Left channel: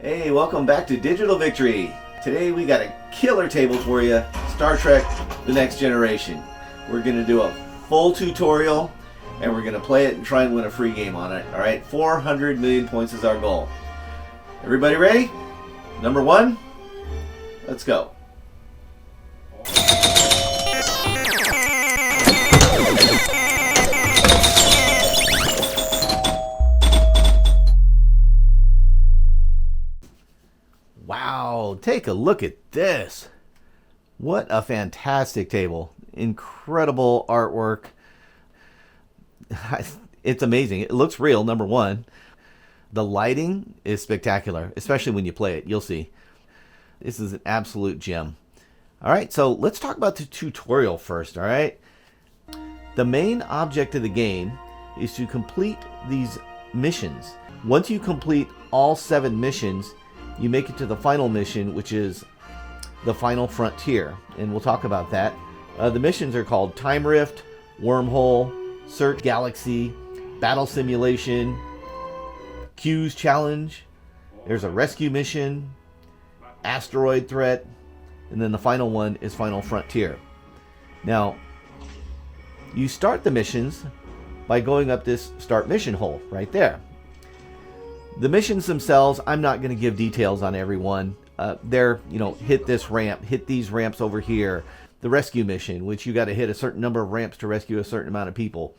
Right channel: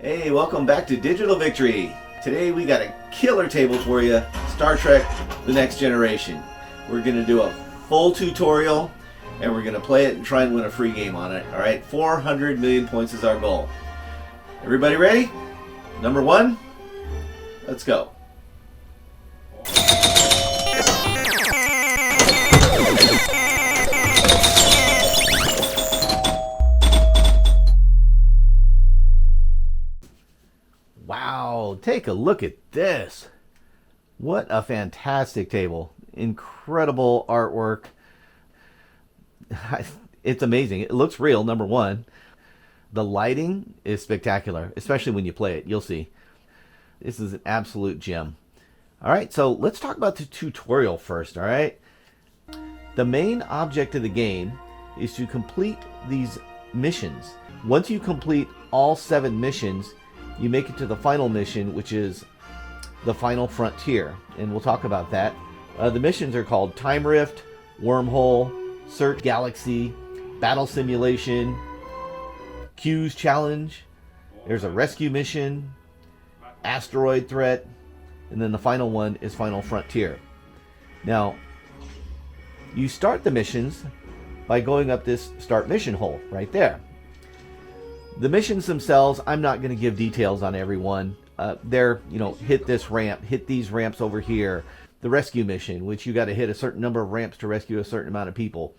Hey, welcome back to Digital Victory. Today we got a killer table for you, Star Trek The Next Generation. We're going to do a full tutorial and we're going to play it and try and win a free game on it. Alright, 400 million points is our goal. Everybody ready? Number one, let's go. Wow, take a look at this. What a fantastic table. Incredible artwork. It's amazing. It looks real, number one. The lighting is spectacular, especially when you play it. You'll see. This is an absolute gem. All right, so let's talk about the tutorial first, all right? The main object of the game is to complete these missions. Once you complete all 7 missions, you make it to the final mission, which is the final frontier, and we'll talk about that. The missions are called Time Rift, Wormhole, Search Galaxy, Battle Simulation, Q's Challenge. There's a rescue mission, Asteroid Threat, and then the final one is Final Frontier. Now, you start the missions by going up this start mission hole right there. The missions themselves, I'm not going to give details on every one. They're, hit this ramp, hit these ramps over here. The rescue mission, which you got to hit a certain number of ramps to rescue a certain amount of people.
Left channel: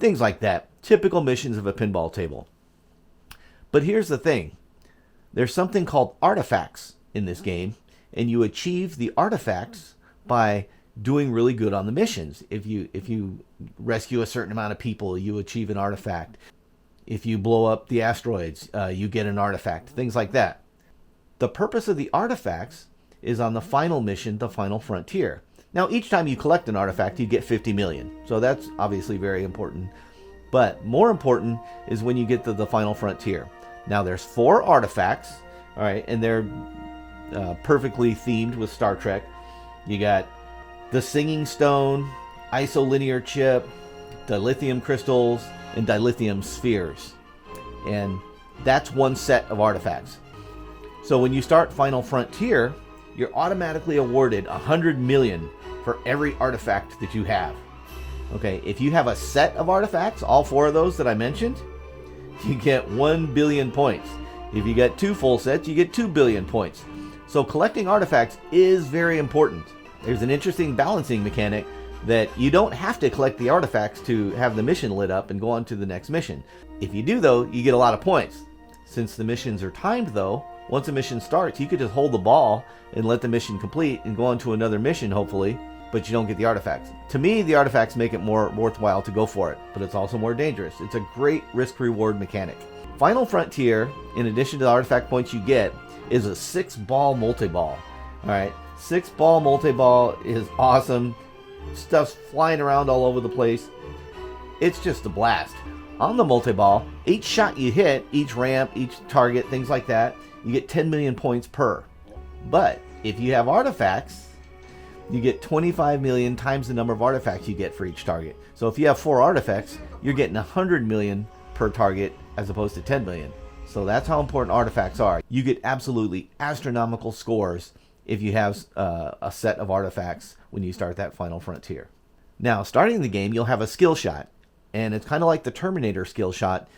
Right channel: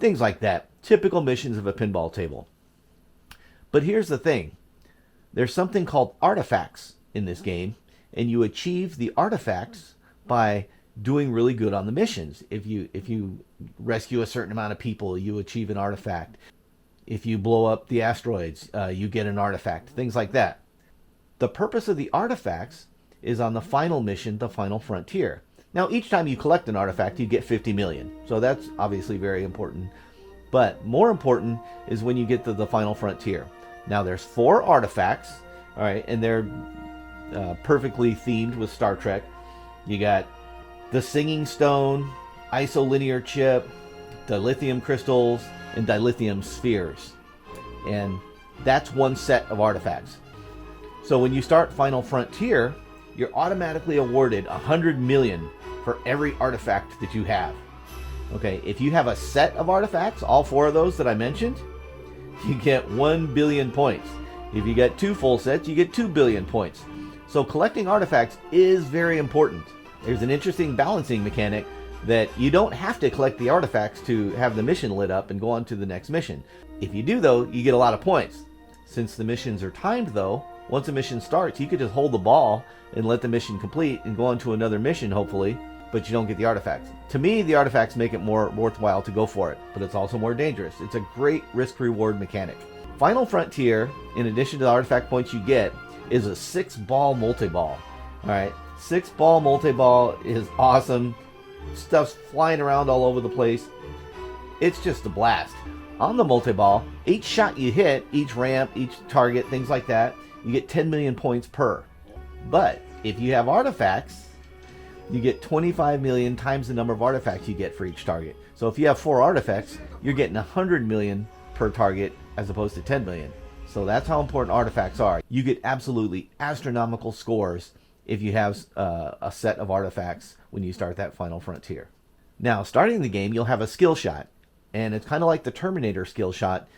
Things like that. Typical missions of a pinball table. But here's the thing. There's something called artifacts in this game, and you achieve the artifacts by doing really good on the missions. If you rescue a certain amount of people, you achieve an artifact. If you blow up the asteroids, you get an artifact. Things like that. The purpose of the artifacts is on the final mission, the Final Frontier. Now, each time you collect an artifact, you get 50 million. So that's obviously very important. But more important is when you get to the Final Frontier. Now, there's 4 artifacts, all right, and they're perfectly themed with Star Trek. You got the Singing Stone, Isolinear Chip, dilithium crystals, and dilithium spheres. And that's one set of artifacts. So when you start Final Frontier, you're automatically awarded 100 million for every artifact that you have. Okay, if you have a set of artifacts, all 4 of those that I mentioned, you get 1 billion points. If you get 2 full sets, you get 2 billion points. So collecting artifacts is very important. There's an interesting balancing mechanic that you don't have to collect the artifacts to have the mission lit up and go on to the next mission. If you do, though, you get a lot of points. Since the missions are timed, though, once a mission starts, you could just hold the ball and let the mission complete and go on to another mission, hopefully, but you don't get the artifacts. To me, the artifacts make it more worthwhile to go for it, but it's also more dangerous. It's a great risk-reward mechanic. Final Frontier, in addition to the artifact points you get, is a 6-ball multiball. All right, 6-ball multiball is awesome. Stuff's flying around all over the place. It's just a blast. On the multiball, each shot you hit, each ramp, each target, things like that, you get 10 million points per. But if you have artifacts, you get 25 million times the number of artifacts you get for each target. So if you have 4 artifacts, you're getting 100 million per target as opposed to 10 million. So that's how important artifacts are. You get absolutely astronomical scores if you have a set of artifacts when you start that Final Frontier. Now, starting the game, you'll have a skill shot. And it's kind of like the Terminator skill shot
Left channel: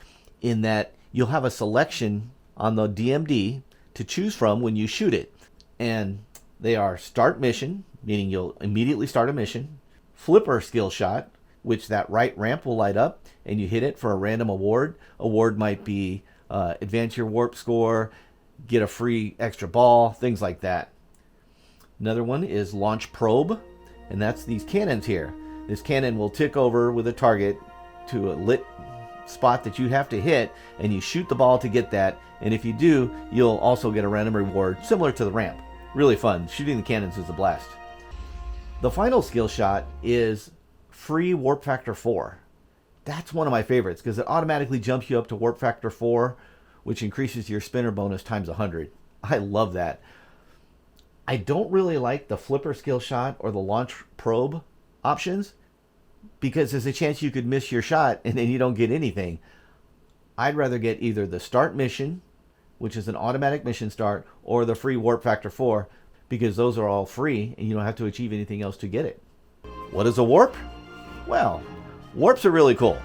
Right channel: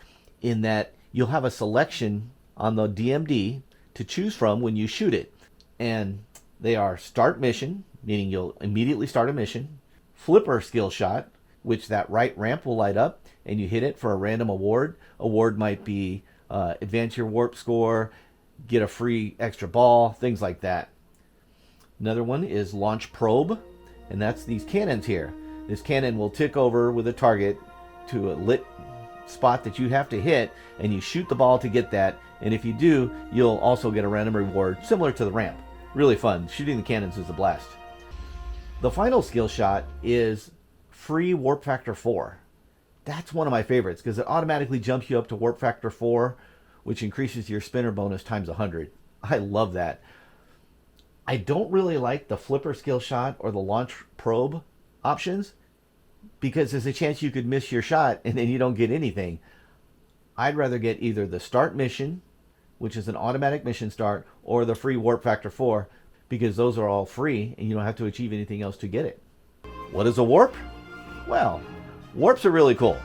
in that you'll have a selection on the DMD to choose from when you shoot it. And they are Start Mission, meaning you'll immediately start a mission. Flipper skill shot, which that right ramp will light up, and you hit it for a random award. Award might be advance your warp score, get a free extra ball, things like that. Another one is Launch Probe, and that's these cannons here. This cannon will tick over with a target to a lit spot that you have to hit, and you shoot the ball to get that, and if you do, you'll also get a random reward similar to the ramp. Really fun. Shooting the cannons is a blast. The final skill shot is free Warp Factor 4. That's one of my favorites because it automatically jumps you up to Warp Factor 4, which increases your spinner bonus times 100. I love that. I don't really like the flipper skill shot or the launch probe options because there's a chance you could miss your shot and then you don't get anything. I'd rather get either the start mission which is an automatic mission start, or the free Warp Factor 4, because those are all free and you don't have to achieve anything else to get it. What is a warp? Well, warps are really cool.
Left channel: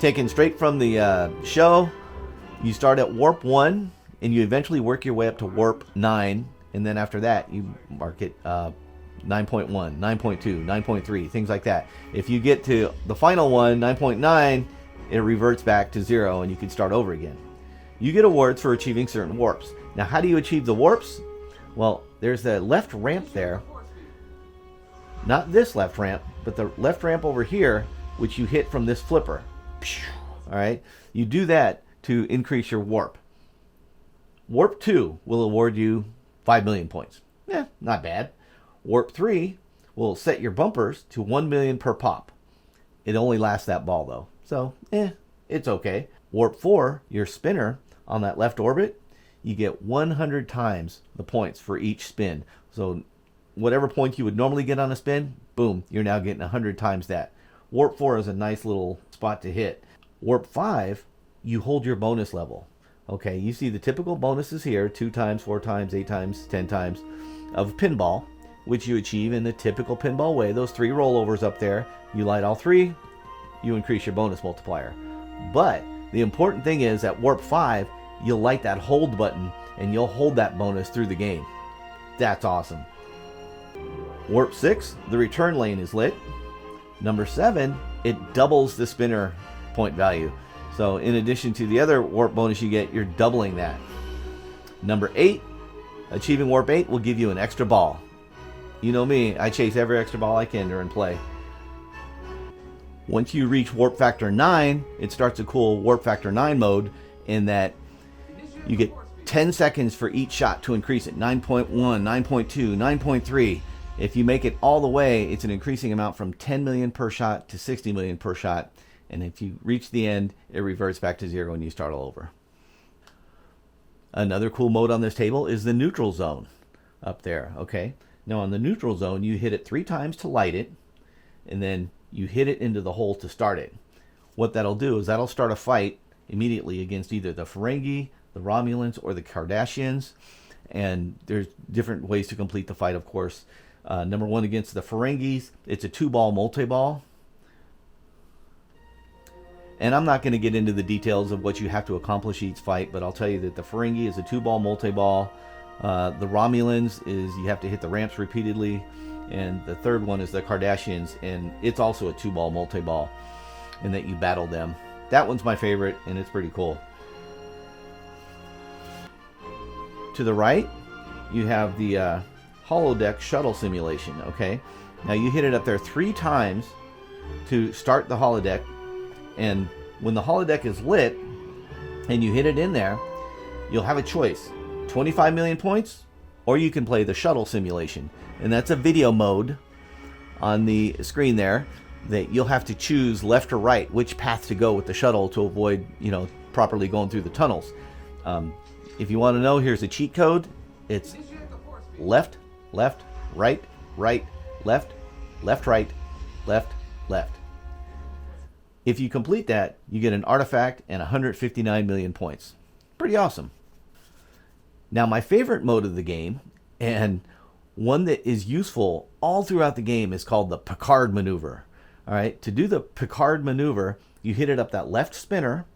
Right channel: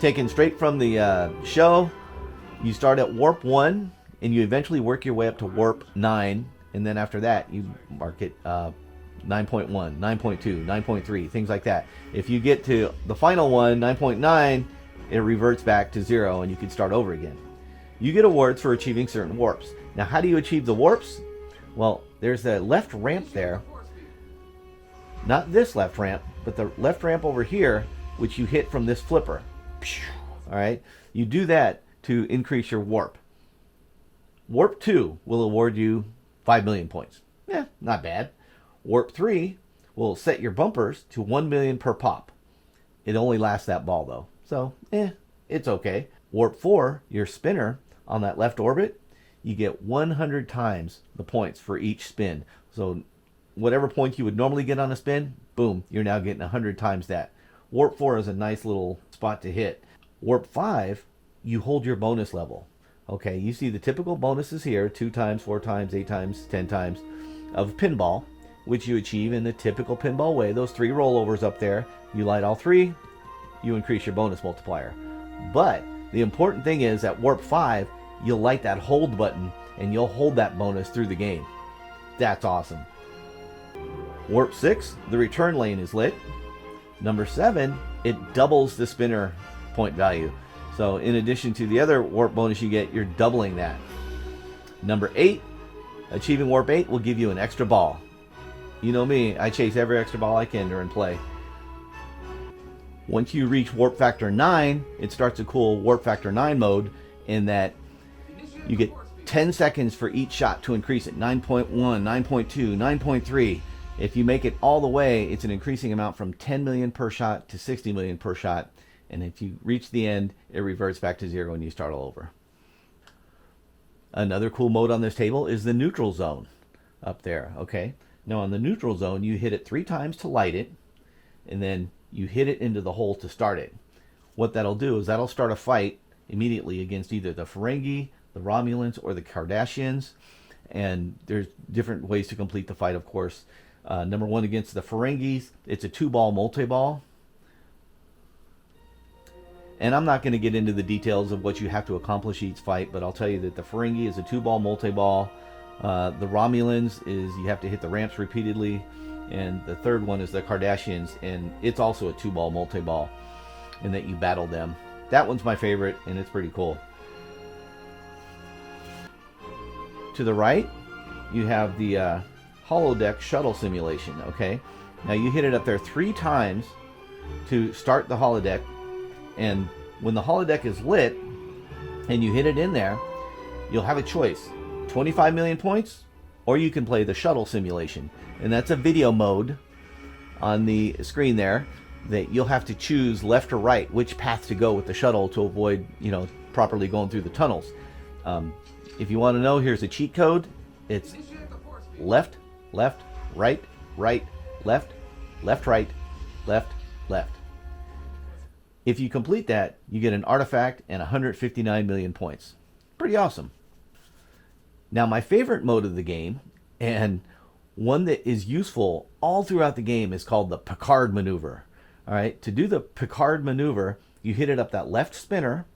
Taken straight from the show, you start at warp 1 and you eventually work your way up to warp 9, and then after that you mark it 9.1, 9.2, 9.3, things like that. If you get to the final one, 9.9, it reverts back to 0 and you can start over again. You get awards for achieving certain warps. Now, how do you achieve the warps? Well, there's a left ramp there. Not this left ramp, but the left ramp over here, which you hit from this flipper. All right, you do that to increase your warp. Warp 2 will award you 5 million points. Not bad. Warp 3 will set your bumpers to 1 million per pop. It only lasts that ball though, so it's okay. Warp 4, your spinner on that left orbit, you get 100 times the points for each spin. So whatever points you would normally get on a spin, boom, you're now getting 100 times that. Warp 4 is a nice little spot to hit. Warp 5, you hold your bonus level. Okay, you see the typical bonuses here, 2 times, 4 times, 8 times, 10 times of pinball, which you achieve in the typical pinball way. Those 3 rollovers up there, you light all 3, you increase your bonus multiplier. But the important thing is at Warp 5, you'll light that hold button and you'll hold that bonus through the game. That's awesome. Warp 6, the return lane is lit. Number 7, it doubles the spinner point value. So in addition to the other warp bonus you get, you're doubling that. Number 8, achieving Warp 8 will give you an extra ball. You know me, I chase every extra ball I can during play. Once you reach Warp Factor 9, it starts a cool Warp Factor 9 mode in that you get 10 seconds for each shot to increase it. 9.1, 9.2, 9.3. If you make it all the way, it's an increasing amount from 10 million per shot to 60 million per shot. And if you reach the end, it reverts back to 0 and you start all over. Another cool mode on this table is the neutral zone up there, okay? Now on the neutral zone, you hit it 3 times to light it, and then you hit it into the hole to start it. What that'll do is that'll start a fight immediately against either the Ferengi, the Romulans, or the Kardashians. And there's different ways to complete the fight, of course. Number 1 against the Ferengis, it's a 2-ball multi-ball. And I'm not going to get into the details of what you have to accomplish each fight, but I'll tell you that the Ferengi is a 2-ball multi-ball. The Romulans is you have to hit the ramps repeatedly. And the third one is the Kardashians, and it's also a 2-ball multi-ball, in that you battle them. That one's my favorite, and it's pretty cool. To the right, you have the holodeck shuttle simulation, okay? Now you hit it up there 3 times to start the holodeck, and when the holodeck is lit and you hit it in there, you'll have a choice: 25 million points, or you can play the shuttle simulation. And that's a video mode on the screen there that you'll have to choose left or right which path to go with the shuttle to avoid, properly going through the tunnels. If you want to know, here's a cheat code. It's left, left, right, right, left, left, right, left, left. If you complete that, you get an artifact and 159 million points. Pretty awesome. Now, my favorite mode of the game, and one that is useful all throughout the game, is called the Picard maneuver. All right, to do the Picard maneuver, you hit it up that left spinner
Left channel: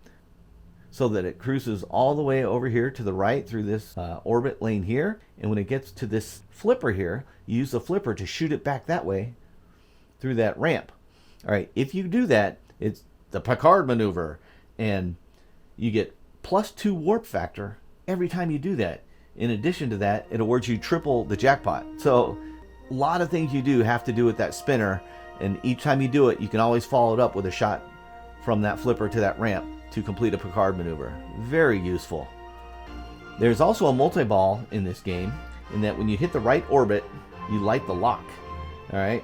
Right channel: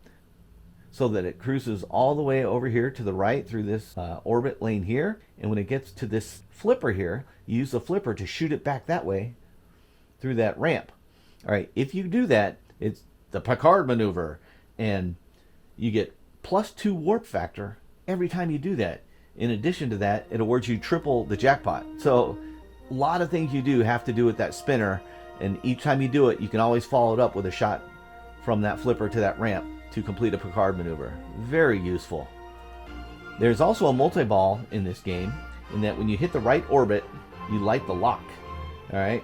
so that it cruises all the way over here to the right through this orbit lane here. And when it gets to this flipper here, you use the flipper to shoot it back that way through that ramp. All right, if you do that, it's the Picard maneuver, and you get +2 warp factor every time you do that. In addition to that, it awards you triple the jackpot. So a lot of things you do have to do with that spinner, and each time you do it, you can always follow it up with a shot from that flipper to that ramp to complete a Picard maneuver. Very useful. There's also a multi-ball in this game, in that when you hit the right orbit, you light the lock. All right.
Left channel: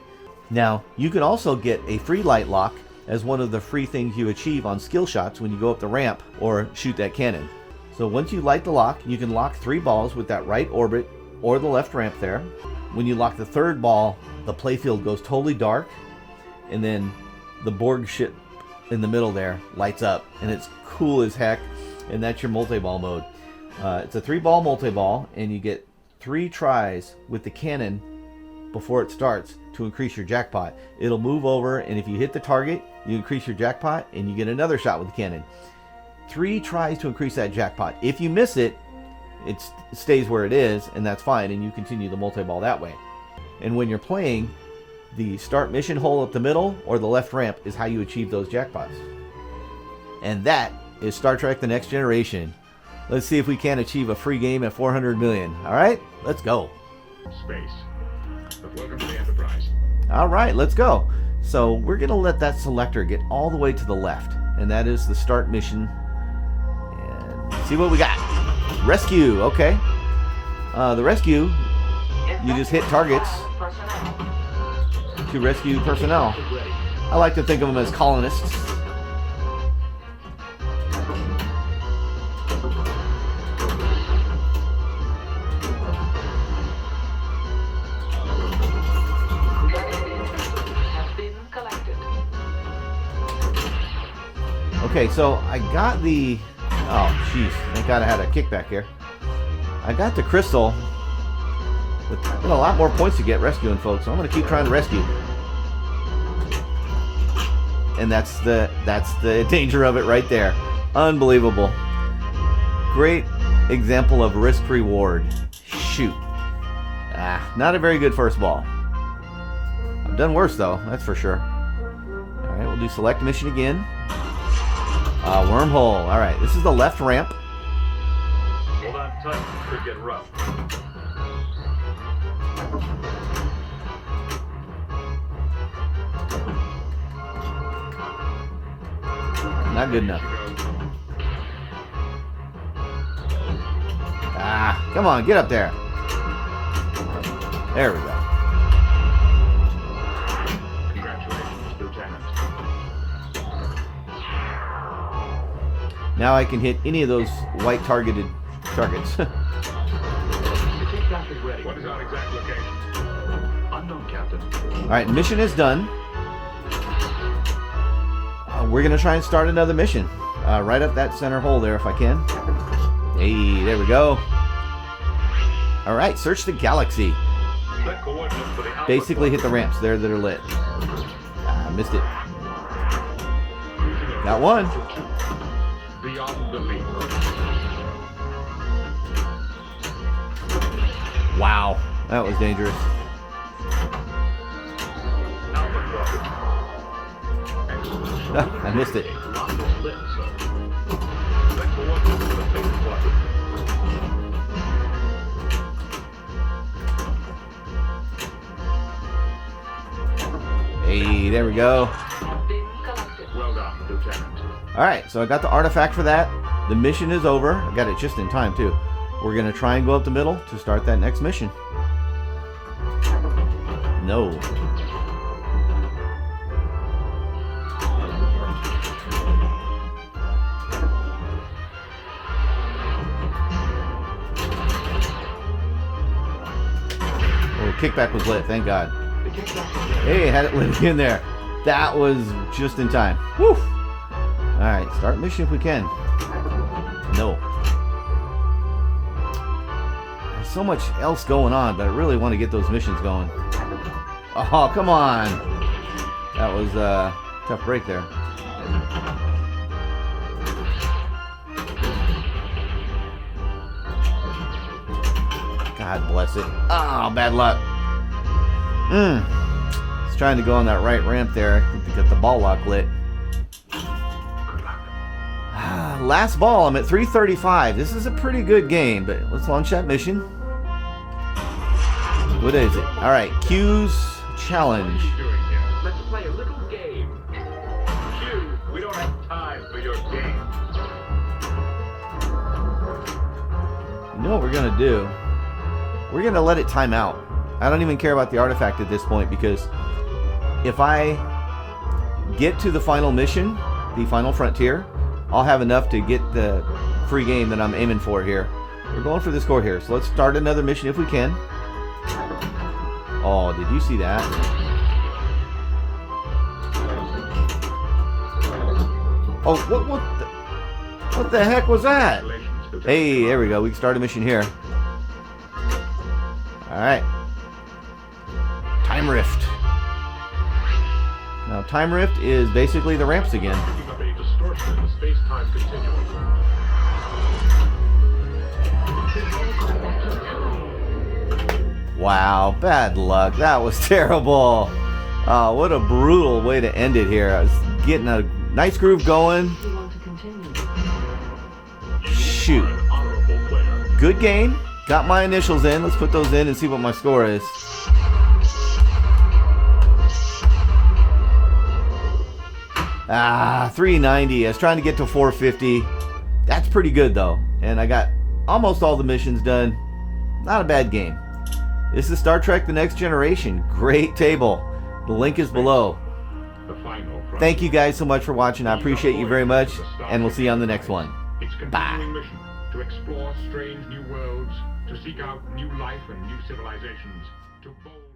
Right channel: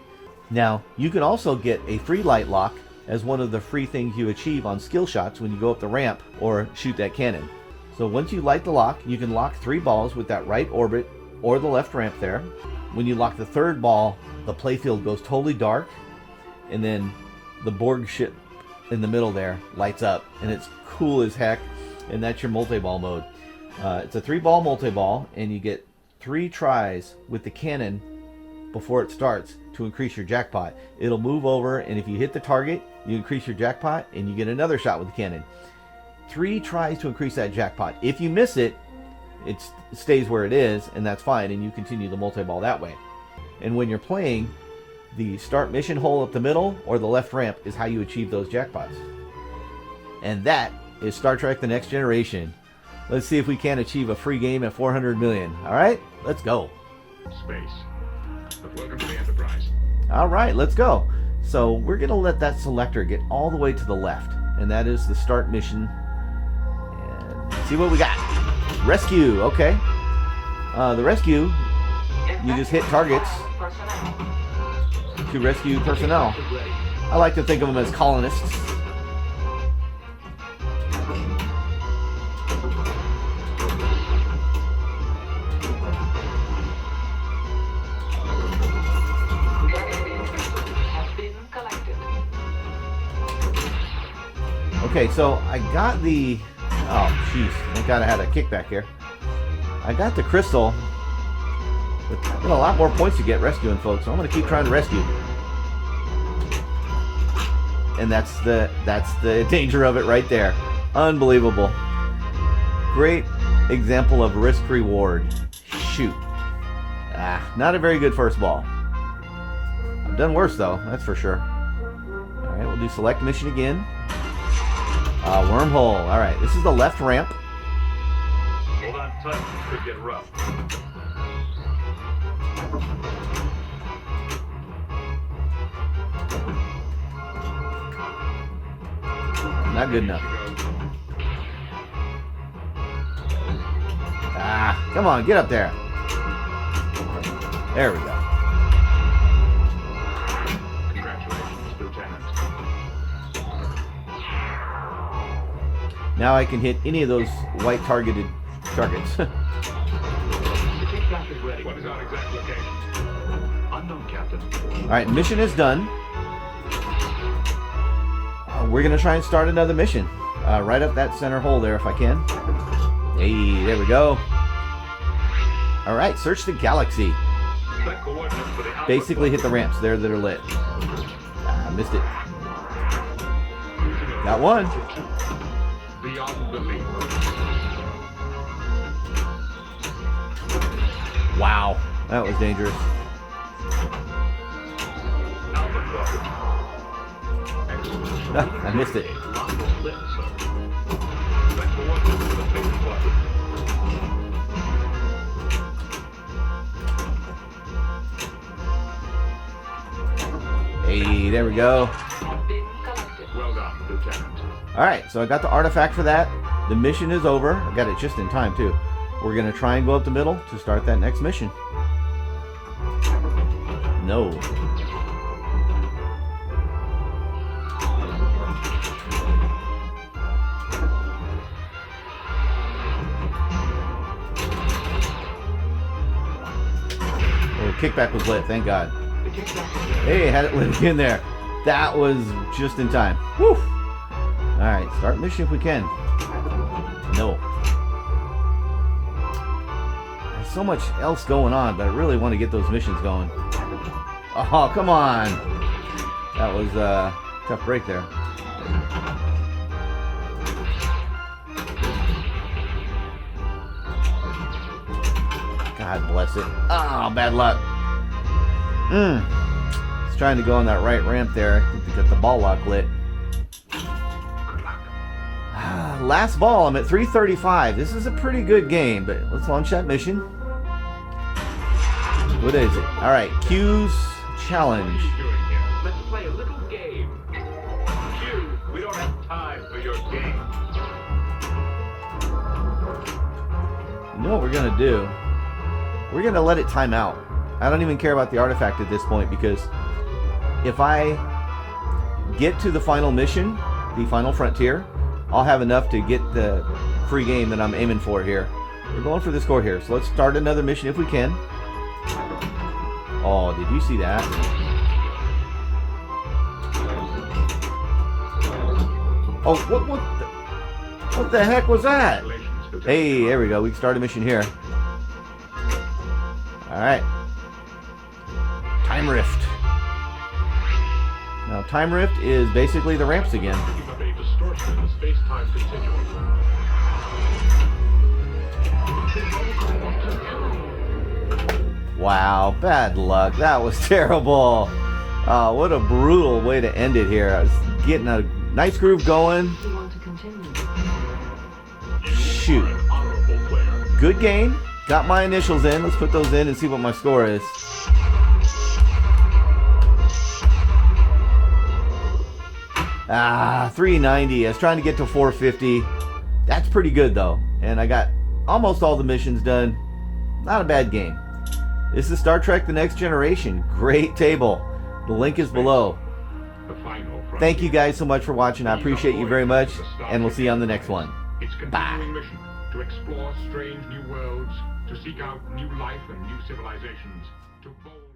Now, you can also get a free light lock as one of the free things you achieve on skill shots when you go up the ramp or shoot that cannon. So once you light the lock, you can lock 3 balls with that right orbit or the left ramp there. When you lock the 3rd ball, the playfield goes totally dark, and then the Borg ship in the middle there lights up, and it's cool as heck, and that's your multi-ball mode. It's a 3-ball multi-ball, and you get 3 tries with the cannon before it starts to increase your jackpot. It'll move over, and if you hit the target, you increase your jackpot, and you get another shot with the cannon. 3 tries to increase that jackpot. If you miss it, it stays where it is, and that's fine, and you continue the multi-ball that way. And when you're playing, the start mission hole at the middle or the left ramp is how you achieve those jackpots. And that is Star Trek: The Next Generation. Let's see if we can achieve a free game at 400 million. All right, let's go. Space. But welcome to the Enterprise. All right, let's go. So we're going to let that selector get all the way to the left, and that is the start mission. And let's see what we got. Rescue, okay. The rescue, you just hit targets to rescue personnel. I like to think of them as colonists. Okay, so I got the... Oh, jeez. Thank God I had a kickback here. I got the crystal. But there's a lot more points to get rescuing, folks. So I'm going to keep trying to rescue. And that's the danger of it right there. Unbelievable. Great example of risk-reward. Shoot. Not a very good first ball. I've done worse, though. That's for sure. All right, we'll do select mission again. Wormhole. All right, this is the left ramp. Hold on tight. Could get rough. Not good enough. Come on, get up there. There we go. Congratulations, Lieutenant. Now I can hit any of those white targeted targets. What is our exact location? Unknown, Captain. Alright, mission is done. We're going to try and start another mission. Right up that center hole there if I can. Hey, there we go. Alright, search the galaxy. Basically hit the ramps there that are lit. Missed it. Got one. Beyond the leap. Wow, that was dangerous. I missed it. Hey, there we go. Well done, Lieutenant. Alright, so I got the artifact for that. The mission is over. I got it just in time, too. We're going to try and go up the middle to start that next mission. No. Oh, kickback was lit, thank God. Hey, had it lit in there. That was just in time. Whew. Alright, start mission if we can. No. There's so much else going on, but I really want to get those missions going. Oh, come on. That was a tough break there. God bless it. Oh, bad luck. It's trying to go on that right ramp there to get the ball lock lit. Last ball, I'm at 335. This is a pretty good game, but let's launch that mission. What is it? All right, Q's challenge. What are you doing here? Let's play a little game. Q, we don't have time for your game. You know what we're gonna do? We're gonna let it time out. I don't even care about the artifact at this point, because if I get to the final mission, the final frontier, I'll have enough to get the free game that I'm aiming for here. We're going for the score here, so let's start another mission if we can. Oh, did you see that? Oh, what the heck was that? Congratulations, Hey, there we go. We can start a mission here. Alright. Time Rift. Now, Time Rift is basically the ramps again. Picking up a distortion in the space-time continuum. Wow, bad luck. That was terrible. What a brutal way to end it here. I was getting a nice groove going. Shoot. Good game. Got my initials in. Let's put those in and see what my score is. Ah, 390. I was trying to get to 450. That's pretty good though. And I got almost all the missions done. Not a bad game. This is Star Trek The Next Generation. Great table. The link is below. Thank you guys so much for watching. I appreciate you very much. And we'll see you on the next one. Its continuing mission to explore strange new worlds, to seek out new life and new civilizations, to bold